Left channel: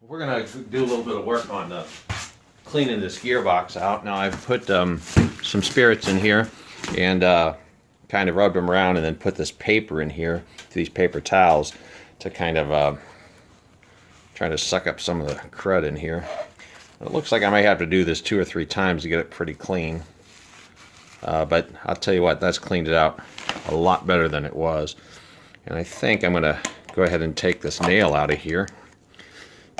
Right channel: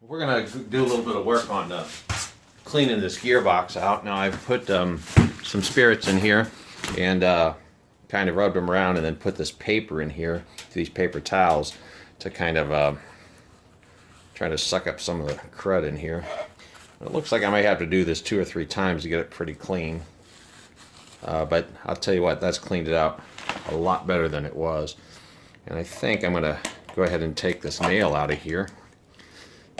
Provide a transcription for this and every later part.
We're gonna do a little bit of work on cleaning this gearbox out. Now I've put some spirits in here and kind of rubbed them around, and then put this paper in here, these paper towels, to kind of try to suck up some of the crud in here. It looks like I might have to do this 2 or 3 times to get it pretty clean. But I'll tell you what, that's cleaned it out a lot better than it was. And I think I'm gonna go ahead and take this nail out of here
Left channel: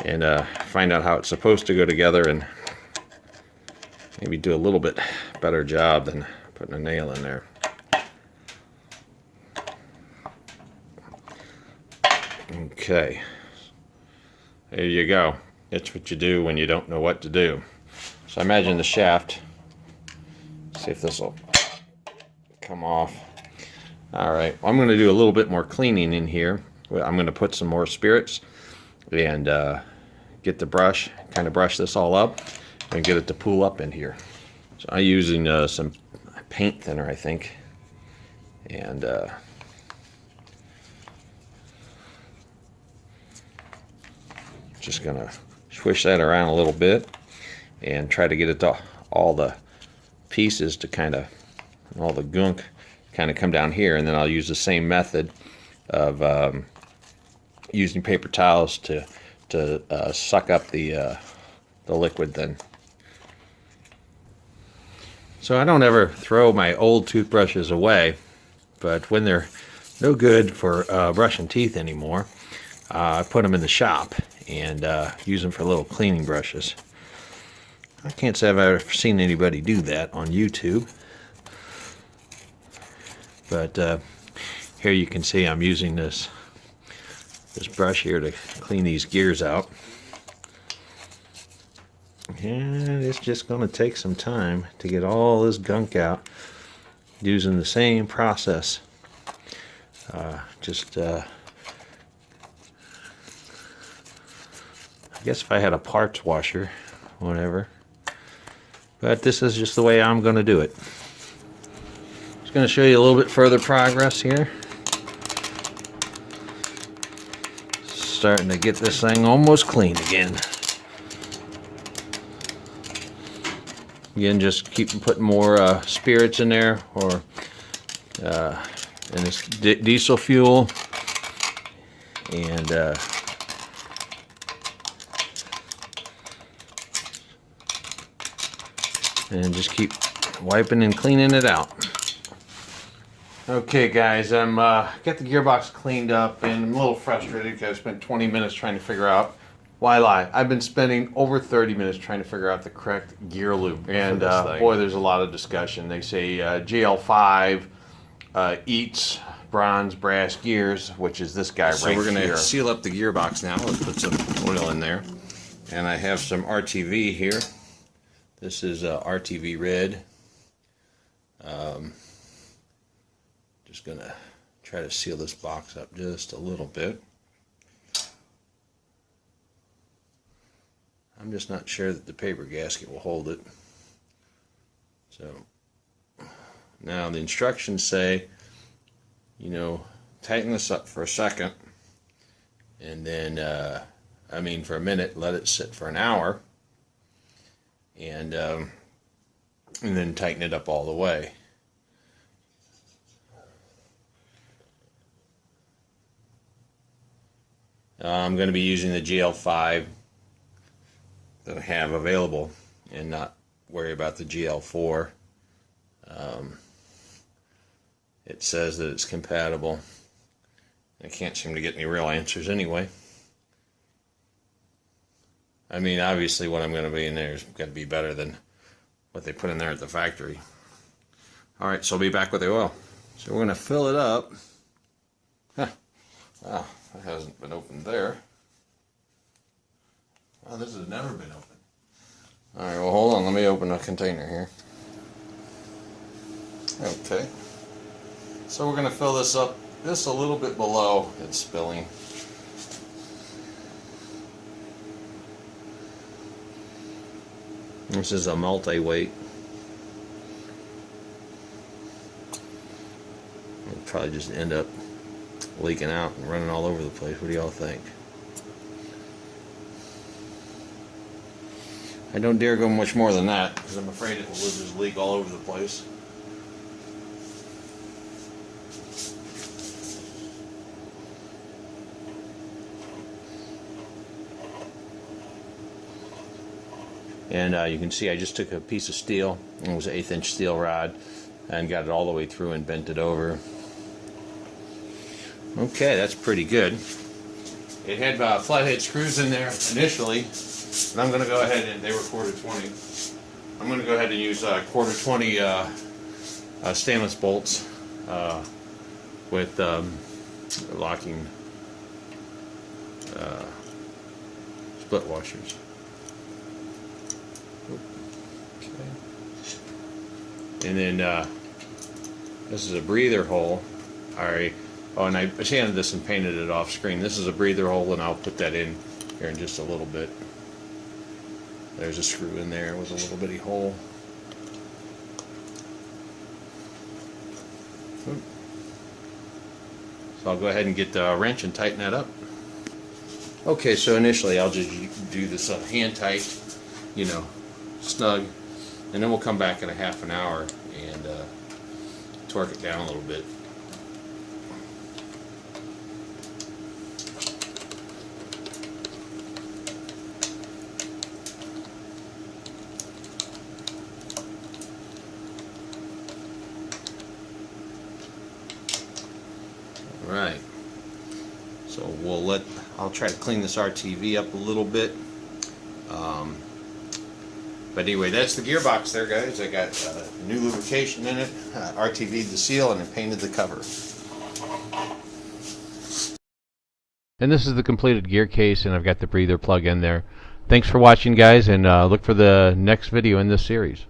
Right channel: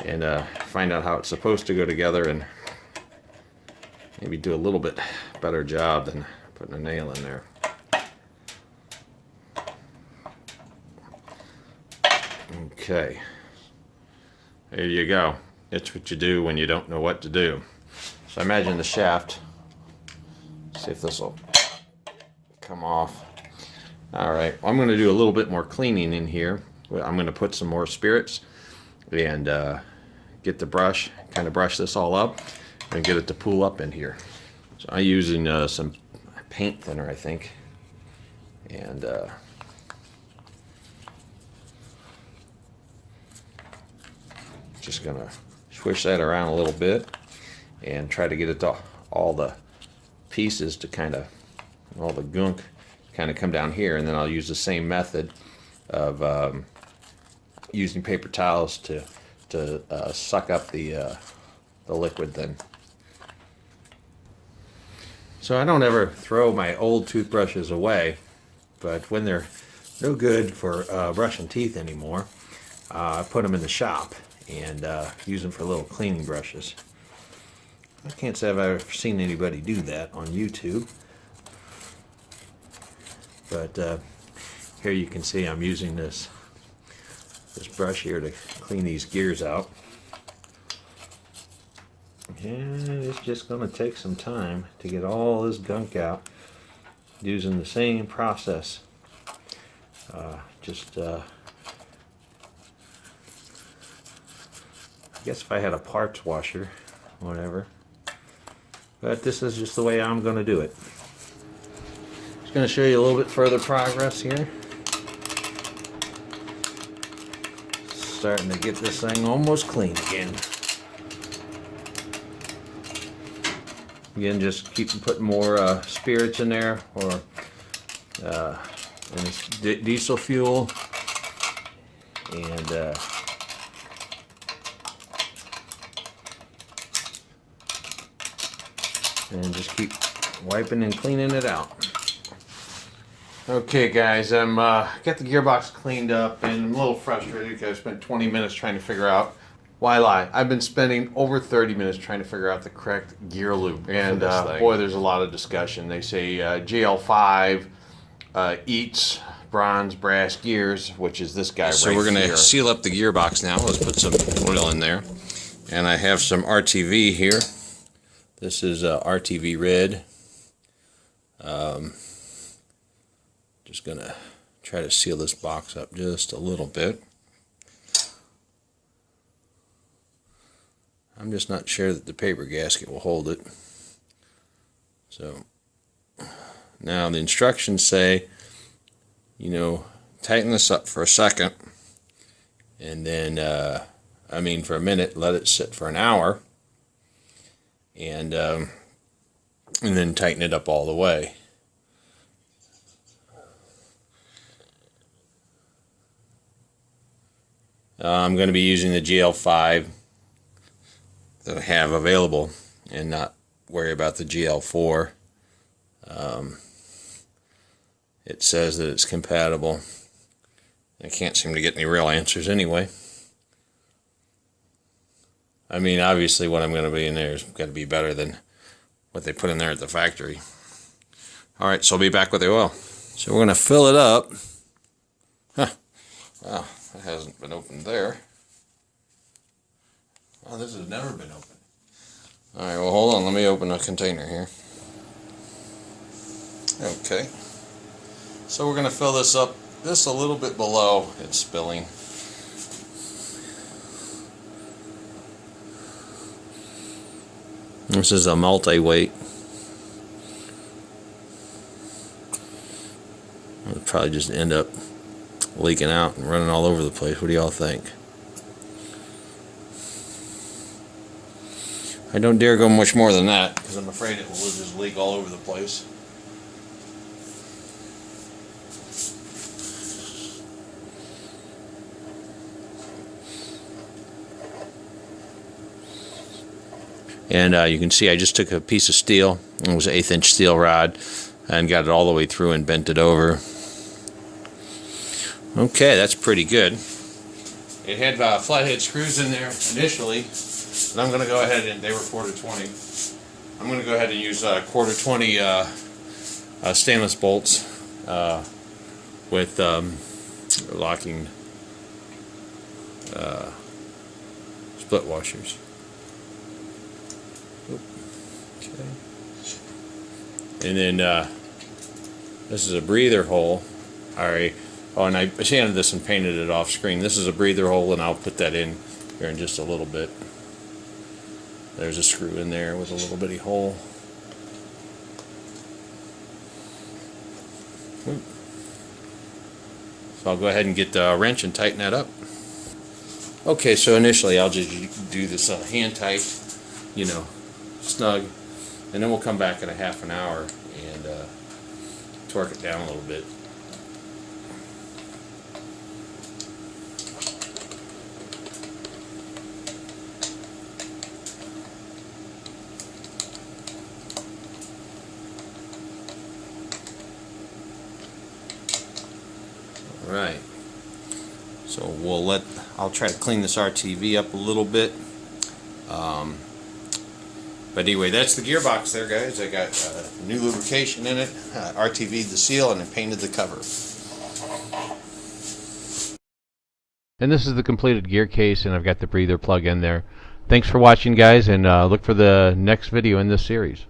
and find out how it's supposed to go together, and maybe do a little bit better job than putting a nail in there. Okay, there you go. It's what you do when you don't know what to do. So I imagine the shaft, see if this will come off. Alright, well, I'm going to do a little bit more cleaning in here. I'm going to put some more spirits and get the brush, kind of brush this all up and get it to pool up in here. So I'm using some paint thinner, I think, and just going to swish that around a little bit and try to get it to all the pieces to kind of, all the gunk kind of come down here. And then I'll use the same method of using paper towels to suck up the liquid then. So I don't ever throw my old toothbrushes away, but when they're no good for brushing teeth anymore, I put them in the shop and use them for little cleaning brushes. I can't say I've ever seen anybody do that on YouTube, but here you can see I'm using this brush here to clean these gears out, and it's just going to take some time to get all this gunk out using the same process. I guess if I had a parts washer, whatever. But this is just the way I'm going to do it. Just going to show you a little bit further progress here. Starting to get this thing almost clean again. Again, just keep putting more spirits in there, or and it's diesel fuel, and just keep wiping and cleaning it out. Okay guys, I'm got the gearbox cleaned up, and I'm a little frustrated because I spent 20 minutes trying to figure out, why lie? I've been spending over 30 minutes trying to figure out the correct gear loop, and boy, there's a lot of discussion. They say GL5 eats bronze brass gears, which is this guy right here. So we're going to seal up the gearbox now. Let's put some oil in there, and I have some RTV here. This is RTV red. Just going to try to seal this box up just a little bit. I'm just not sure that the paper gasket will hold it. So now the instructions say, you know, tighten this up for a second, and then for a minute, let it sit for an hour, and then tighten it up all the way. I'm going to be using the GL5 that I have available and not worry about the GL4. It says that it's compatible. I can't seem to get any real answers anyway. I mean, obviously what I'm going to be in there is got to be better than what they put in there at the factory. Alright, so I'll be back with the oil. So we're going to fill it up. Oh, that hasn't been opened there. Oh, this has never been opened. Alright, well hold on, let me open a container here. Okay. So we're going to fill this up just a little bit below it's spilling. This is a multi-weight. It'll probably just end up leaking out and running all over the place. What do y'all think? I don't dare go much more than that because I'm afraid it will just leak all over the place. And you can see I just took a piece of steel, it was an 1/8" steel rod, and got it all the way through and bent it over. Okay, that's pretty good. It had flathead screws in there initially, but I'm going to go ahead and they were 1/4 20. I'm going to go ahead and use 1/4 20 stainless bolts with locking split washers. Okay. And then this is a breather hole. Alright. Oh, and I sanded this and painted it off screen. This is a breather hole, and I'll put that in here in just a little bit. There's a screw in there with a little bitty hole. So I'll go ahead and get the wrench and tighten that up. Okay, so initially I'll just do this hand tight, you know, snug, and then we'll come back in a half an hour and torque it down a little bit. Alright, so I'll try to clean this RTV up a little bit. But anyway, that's the gearbox there, guys. I got new lubrication in it, RTV'd the seal, and I painted the cover. And this is the completed gear case, and I've got the breather plug in there. Thanks for watching, guys, and look for the next video in this series.